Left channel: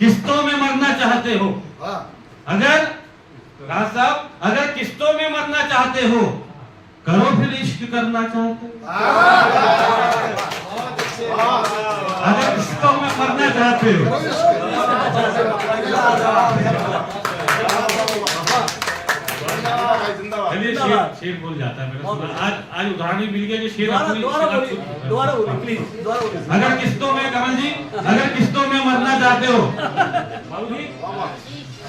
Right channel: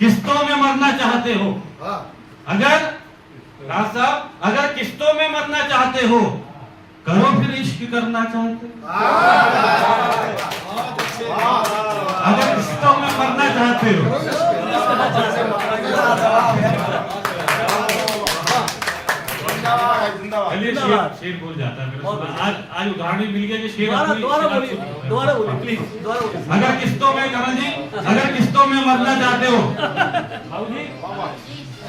किस्तों में मरना चाहते हो, अगर राज साहब अगर किस्तों में मरना चाहते हो, करो फिर इश्क करना चाहते हो। अगर किस्तों में मरना चाहते हो, चलिए शेर बोल जाता है मेरा। आज उदाहरण भी मिल गया कि शेर दोबारा बोलिए प्लीज, दोबारा बोलिए। अगर किस्तों में करण जी, अगर किस्तों में मरना चाहते हो,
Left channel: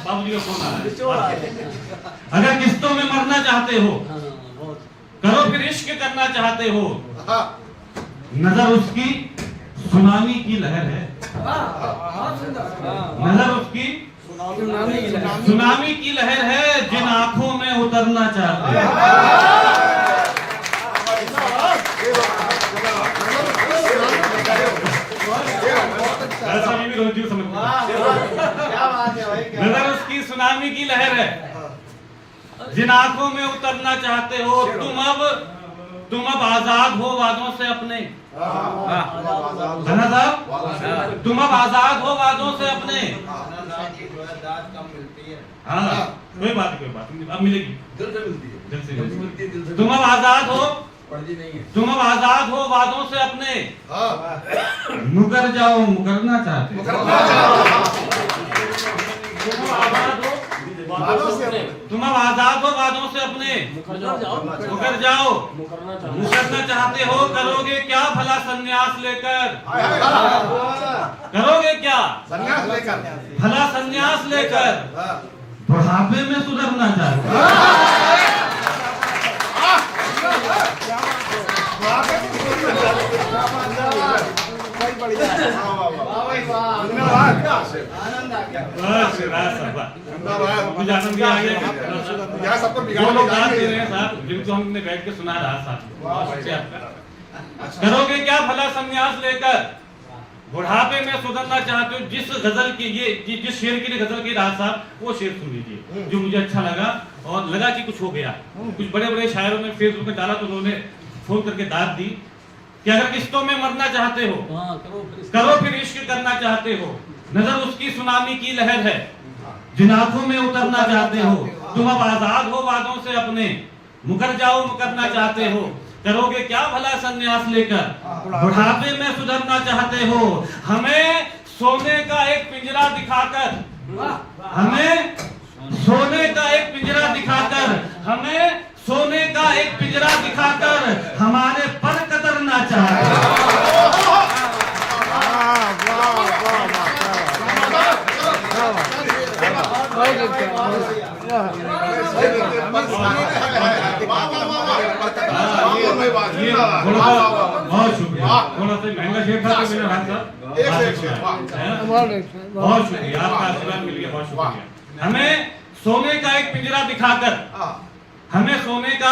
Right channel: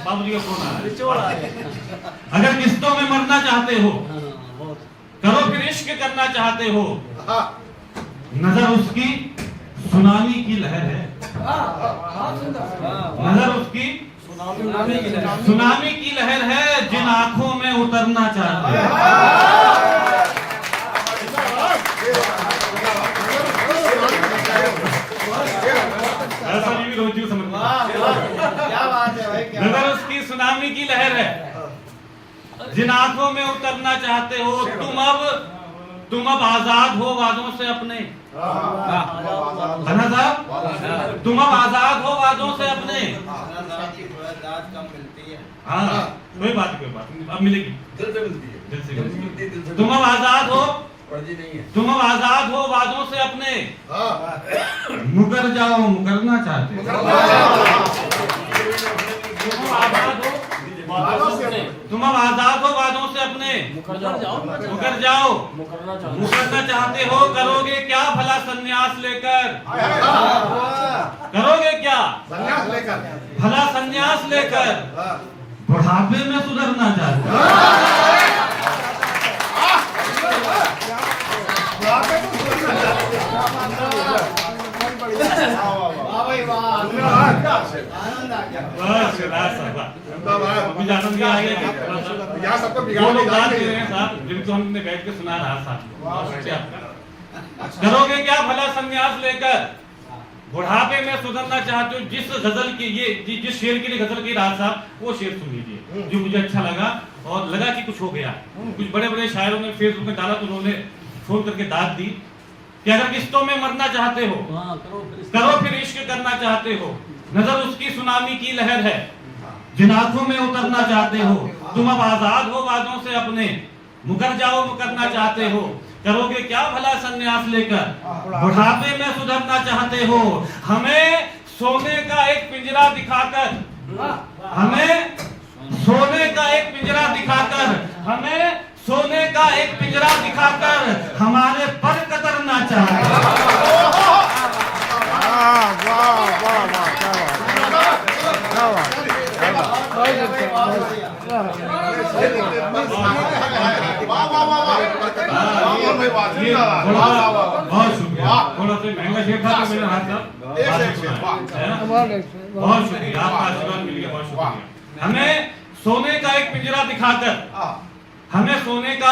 बाबूजी का फोन आ रहा है। अगर किस्तों में मरना चाहते हो, करो फिर इश्क करना चाहते हो, नजर उसकी सुनामी की लहर है, नजर उसकी सुनामी की लहर है, जिन आंखों में उतरना चाहते हैं। ऐसा भी रोज समझ नजर उसकी सुनामी की लहर है, जिन आंखों में उतरना चाहते हो, तुम अब आजाद हो वादों से अपने। साहब तुम अब आजाद हो वादों से अपने। हाँ कोई बात नहीं, अब मिलेगी दिल से। तुम अब आजाद हो, तुम अब आजाद हो वादों से अपने, मुकर जाओ मुकरना चाहते हो। तुम अब आजाद हो वादों से अपने, मुकर जाओ मुकरना चाहते हो। करोगे क्या भला संन्यास लेकर, करोगे क्या भला संन्यास लेकर, बुढ़ापे में सुधरना चाहते हो। मुझे आनंद आ गया। वो लोग गान दे रहे हैं साहब, जिनको हमने बैठ के सुना रहा साहब। करोगे क्या भला संन्यास लेकर, बुढ़ापे में सुधरना चाहते हो। जिस गजल की ये जिस शेर के लिए गजल की राज साहब, वो शेर सुन लीजिए जो मुझे अच्छा लगा और लगा कि कुछ हो गया। कुछ बड़े बड़े शायरों ने फेसबुक में डाला तो उन्होंने फोन करके दाद दी कि अगर किस्तों में मरना चाहते हो, करो फिर इश्क करना चाहते हो, नजर उसकी सुनामी की लहर है, जिन आंखों में उतरना चाहते हो। तुम अब आजाद हो वादों से अपने, मुकर जाओ मुकरना चाहते हो। करोगे क्या भला संन्यास लेकर, बुढ़ापे में सुधरना चाहते हो। हमें सोने का एक पिंजरा दिखाकर, हमें सोने का एक पिंजरा दिखाकर, हमें सोने का एक पिंजरा दिखाकर हमारे पर कतरना चाहते हो। बहुत शुक्रिया, थोड़ा सा महंगा शेर था तो मैंने राज साहब बहुत शुक्रिया, आपका आशीर्वाद मिल गया, बहुत शुक्रिया। हमें सोने का एक पिंजरा दिखाकर, हमें सोने का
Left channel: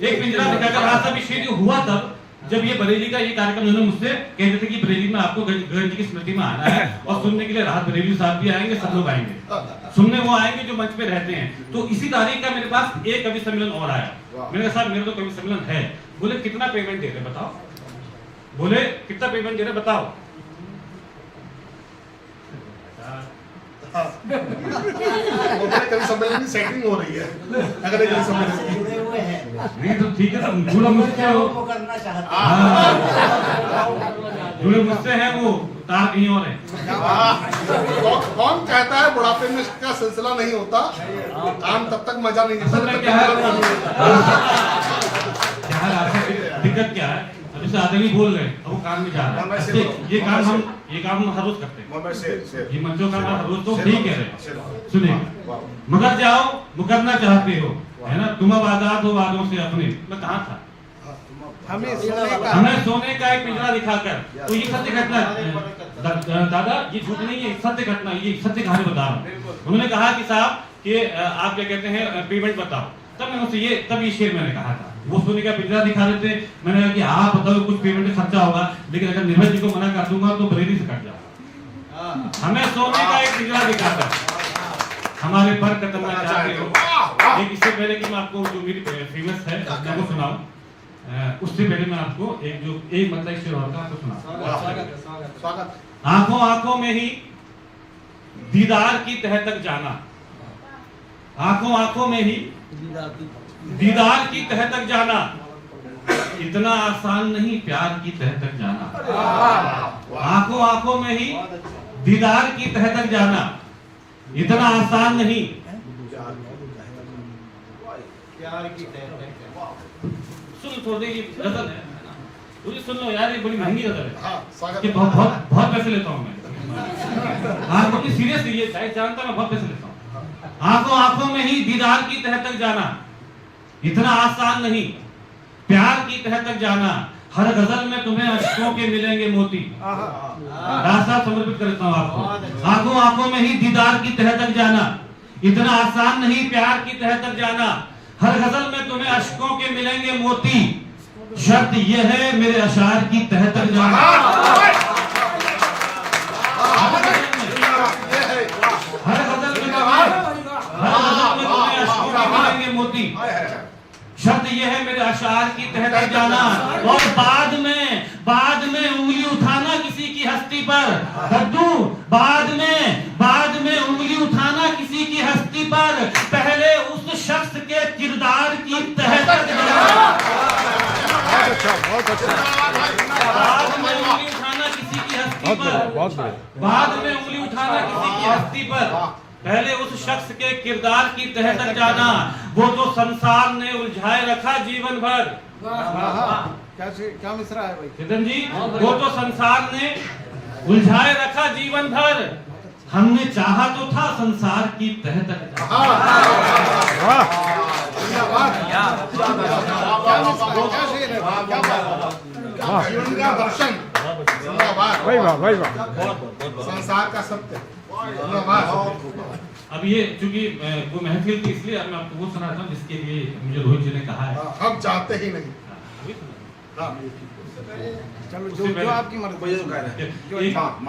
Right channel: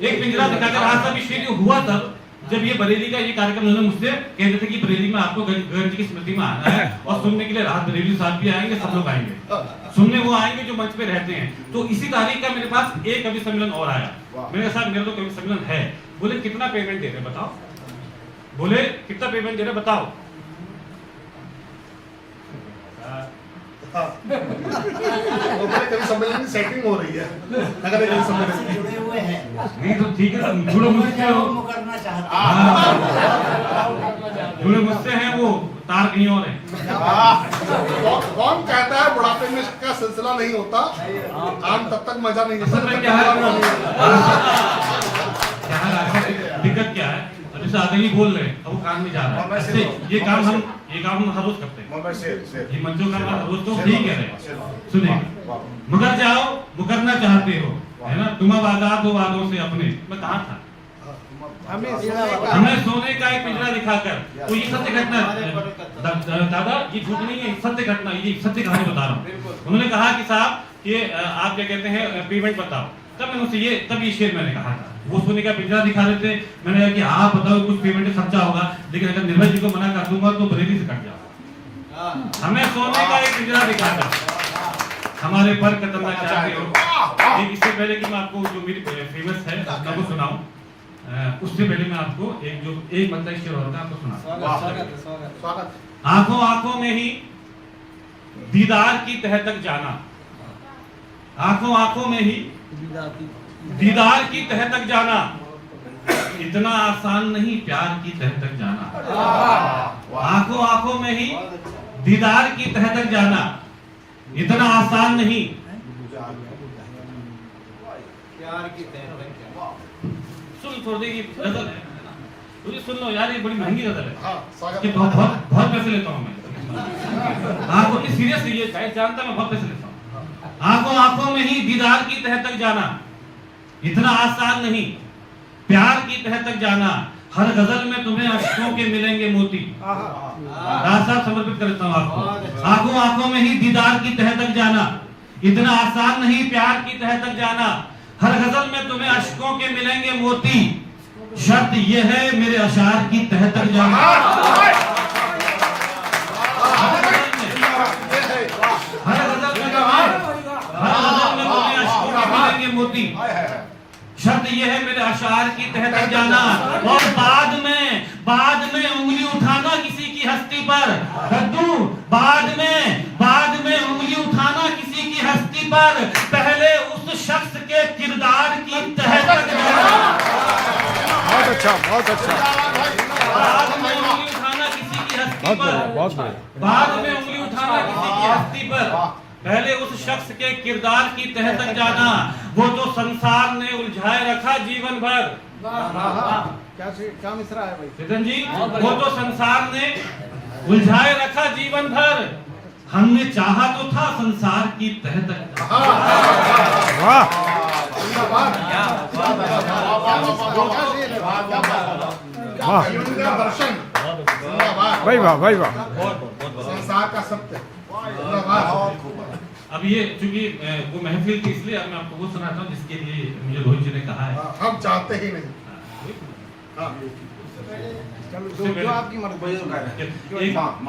एक पिंजरा दिखाकर। आज साहब शेर हुआ तब जब ये बरेली का ये कार्यक्रम उन्होंने मुझसे कहते थे कि बरेली में आपको गंज की स्मृति में आना है और सुनने के लिए राहत बरेली साहब भी आएंगे, सब लोग आएंगे सुनने, वो आएंगे जो मंच पे रहते हैं। तो इसी तारीख का मेरे पास एक कवि सम्मेलन और आया। मैंने कहा साहब मेरा तो कवि सम्मेलन है। बोले कितना पेमेंट दे रहे बताओ, बोले कितना पेमेंट दे रहे बताओ। कभी सम्मेलन की सेटिंग हो रही है, अगर कभी सम्मेलन नहीं तो ठीक है, जुड़े मुझसे हो, जुड़े मुझसे हैं, वो तार कहीं और है। कौन कहता है बुढ़ापे में इसका सिलसिला नहीं होता, काम तब तक मजा नहीं असल क्या है, दिक्कत क्या है, अभी से आदमी बोल रहे हैं, अब वो काम में जा रहा है। ये काम हम हर रोज करते हैं, ये मंचों का हर रोज तो ठीक है। सुनिए, मगर जाओ मुकरना चाहते हो, है ना, तुम अब आजाद हो वादों से अपने। मैं कहाँ था, हमें सोने का एक पिंजरा दिखाकर। तो ये सत्य घटना दादा, ये झूठ नहीं है, सत्य घटना, ये सत्य कहानी बता रहा हूँ। उन्होंने कहा कि साहब कि आप क्या कहते हैं पेमेंट बताओ। तब मैंने उनसे ये शेर मैंने कहा था, वो सोने का पिंजरा दिखा रहे थे। मैंने कहा कि आप बताओ कुछ पेमेंट खर्चा होगा, लेकिन अगर निर्भय जी को मना कर दूंगा तो बरेली से कट जाऊंगा। हमें सोने का एक पिंजरा दिखाकर हमारे पर कतरना चाहते हो। एक इससे पहले कि मैं आपको जो मेरी फेमस है वो सुनाऊं, उससे पहले मैं आपको एक मतलब शेर होता है आपको सुना। आंखों आंखों में ही दीदार की तह तक जाना, आंखों आंखों में ही दीदार की तह तक जाना, इतना आसान नहीं प्यार की तह तक जाना। आंखों आंखों में ही दीदार की तह तक जाना, इतना आसान नहीं। सुन थोड़ी देर की गजल है ना, तुझे सुन लो यार, ये बड़ी महंगी गजल है। हाँ, स्वागत कि है। बहुत बहुत बहुत पैसे लेता हूँ मैं। आंखों की सीरियस ये शायद जानता मैं बहुत पैसे लेता हूँ। आंखों आंखों में ही दीदार की तह तक जाना, इतना आसान नहीं प्यार की तह तक जाना। हर गजल में तुम्हें अश्कों के मिलेंगे मोती। रास्ता समर्पित करता हूँ आपको। आंखों आंखों में ही दीदार की तह तक जाना, इतना आसान नहीं प्यार की तह तक जाना। हर गजल में तुम्हें अश्कों के मिलेंगे मोती, शर्त यह है मेरे अशार की तह तक जाना। हर गजल में तुम्हें अश्कों के मिलेंगे मोती, शर्त यह है मेरे अशार की तह तक जाना। और बाद में उंगली उठाना किसी की हस्ती पर, कद्दू बाद में उंगली उठाना किसी की हस्ती पर, पहले उस शख्स के किरदार की तह तक जाना। बहुत अच्छा बाद में उंगली उठाना किसी की हस्ती पर, बाद में उंगली उठाना किसी की हस्ती पर, पहले उस शख्स के किरदार की तह तक जाना। वो तो संसार ने उलझाए रखा जीवन भर। क्या मिसरा है भाई? चेतन जी, वो तो संसार ने उलझाए रखा जीवन भर, हमने चाहा तो था संसार की तह तक जाना। जीवन का दर्शन, भाई वाह भाई वाह। संसार का सत्य। अब ये चूंकि वो महफिल थी, इसलिए अब मैं आपको वो सुनाता हूँ जिसके लिए मुझे रोहित जी ने कहा है। हम चाहते ही नहीं। वही सुना। हाँ। उससे पहले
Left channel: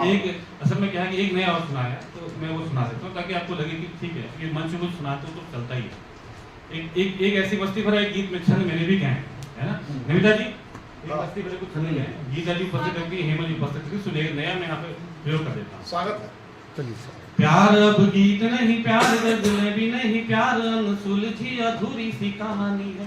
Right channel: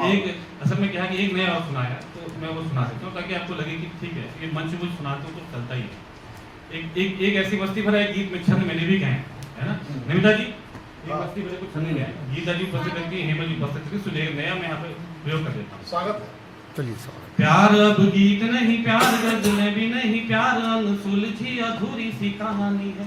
एक असल में क्या है कि एक नया और सुनाया, तो मैं वो सुना सकता हूँ ताकि आपको लगे कि ठीक है, ये मंच कुछ सुनाते हो तो चलता ही है। एक ऐसी मस्ती भरा एक गीत में छंद मैंने भी गए है ना नमिता जी, एक मस्ती भरे कुछ छंद गए, गीता जी उपस्थित रहती है, हेमा जी उपस्थित रहती है, सुनिए नया मैं यहाँ पे प्रयोग कर देता हूँ। स्वागत है। प्यार अब गीत नहीं, प्यार गजलें भी नहीं, प्यार अनसुलझी अधूरी सी कहानी है।